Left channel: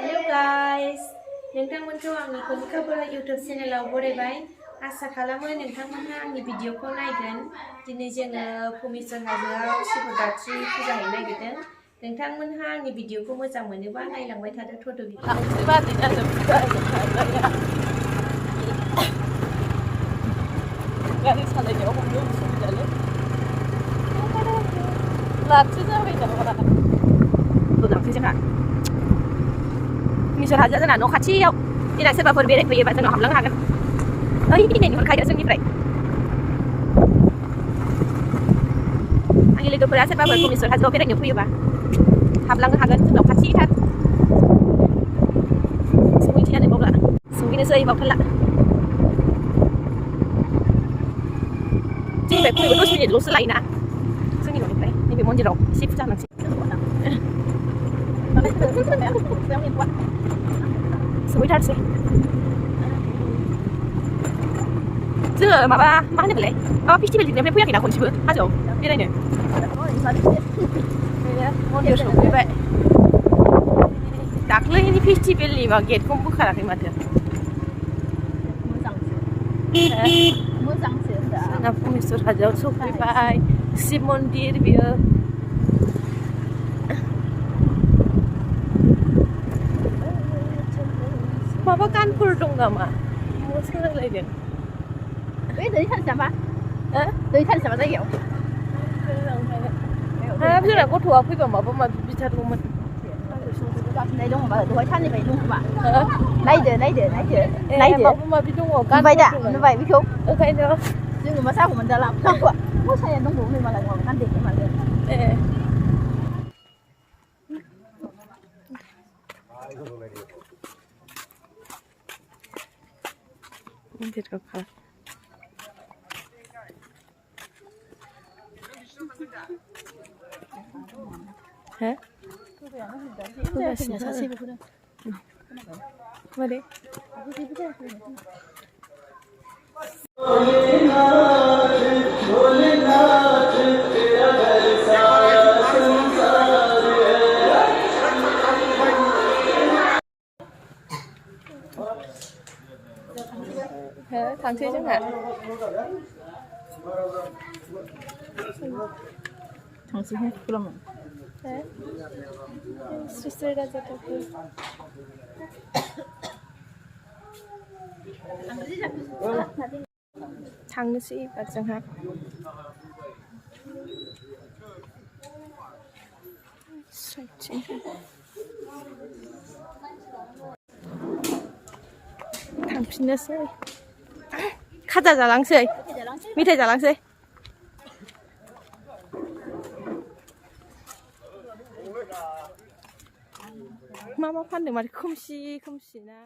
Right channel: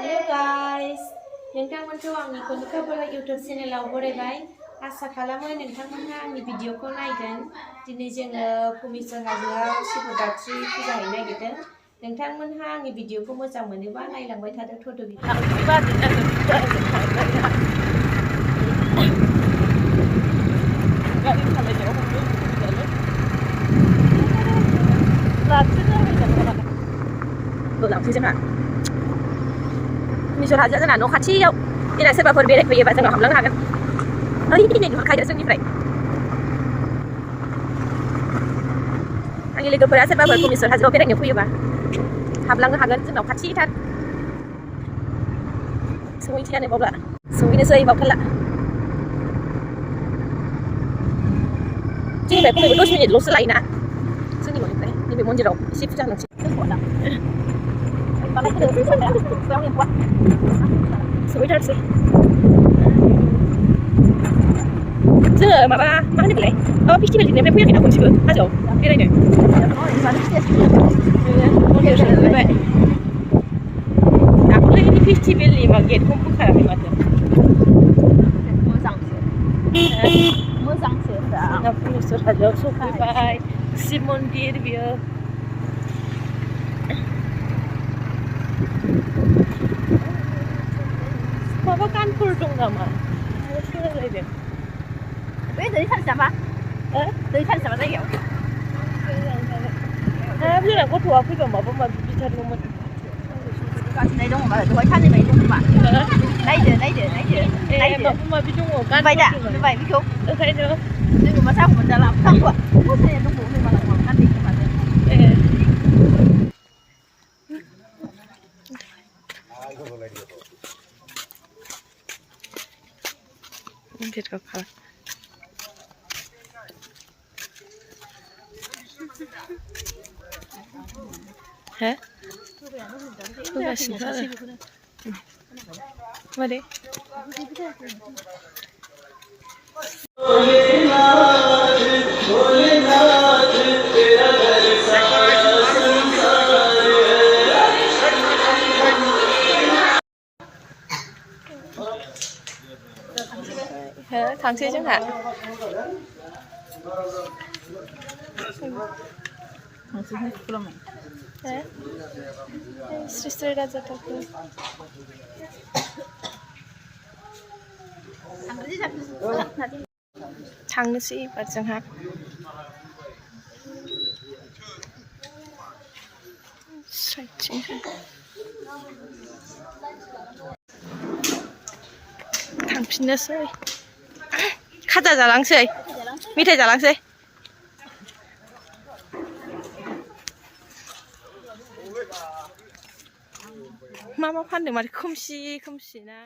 Hello guys, नोंथांमोनखौ आंनि कनिकाबरा YouTube चेनेलाव बरायबाय। आसा खालामो नोंथांमोनहा आंनि भिडिअखौ नायगोन। दिनै जोङो भुमेश्वर हाजोआव शिवरात्रि फुजा हैनो नागिरदों। नोंथांमोनहा आंनि भिडिअखौ मोजां मोनोबा नायलांबाय थादो थ'द' भिडिअ। गारि सालायनायाव हमनो उसुबिदालै लाखिनो जाबाय नामा लांसै जोंहा भुमेश्वर हाजोआ जोंना न' खाथियाव देनां सोरबाफोर बेरायफैयोबा जोंनाव हाबलांनो हागोन ओइ नुहुरखायो जोंनिफ्राय आंनि लोगोफोरा सोरबाफोर भुमेश्वर हाजोआव बेरायनो फैयोबा हाबलांनो हागोन जोंनाव खाथिथार सहैनोसैयानो बावला सहैनोसै बावथारला जोंनिफ्राय खमैबो 10 मिनिटल'सो लायोना जोंनि न'निफ्राय नैबे मन्दिराव एसे फुजा होनोसै सहैथारसै जोङो माबा मा होनोमोनलाय माबा फेस्टिभेलनिफ्राय फैयाखैना खनसेबो हाजोआव बेरायनो मन्दिर सहैबाय दाख्लैनि फेस्टिभेलनि मा गेटखौ बोखाराखै माथो मोजांसो जोंना भुमेश्वर हाजोआव सफैबाय शिब मन्दिर बियो माबा गानफोर दं नामा सोलायलायदों बै दै थानोसै नामा दै थानोसै नामा जायगायाव हाब जोंना गथ'आ फैबा माबा माबि बिथारगौमोन गाननाय दं होनबा दहाय साननिफ्राय दं खोमा नायदो माबा माबि दङ गानबाय दा नुबाय बेखौ ओंखायनो जोङो मा साबो मोनजाला गानथ'आ मोसानाया दंबावो नै मालाय गानदै खोनादों मन्दिरखौ हो होगासिनो आरो मारै थांसै जोंहा श्री श्री राजा ठाकुर थांनोसै एबार जोंहा थांफिननोसै खाजा जालांसै मेथाइ जालांसै मा फानदों माथो खोमसि ना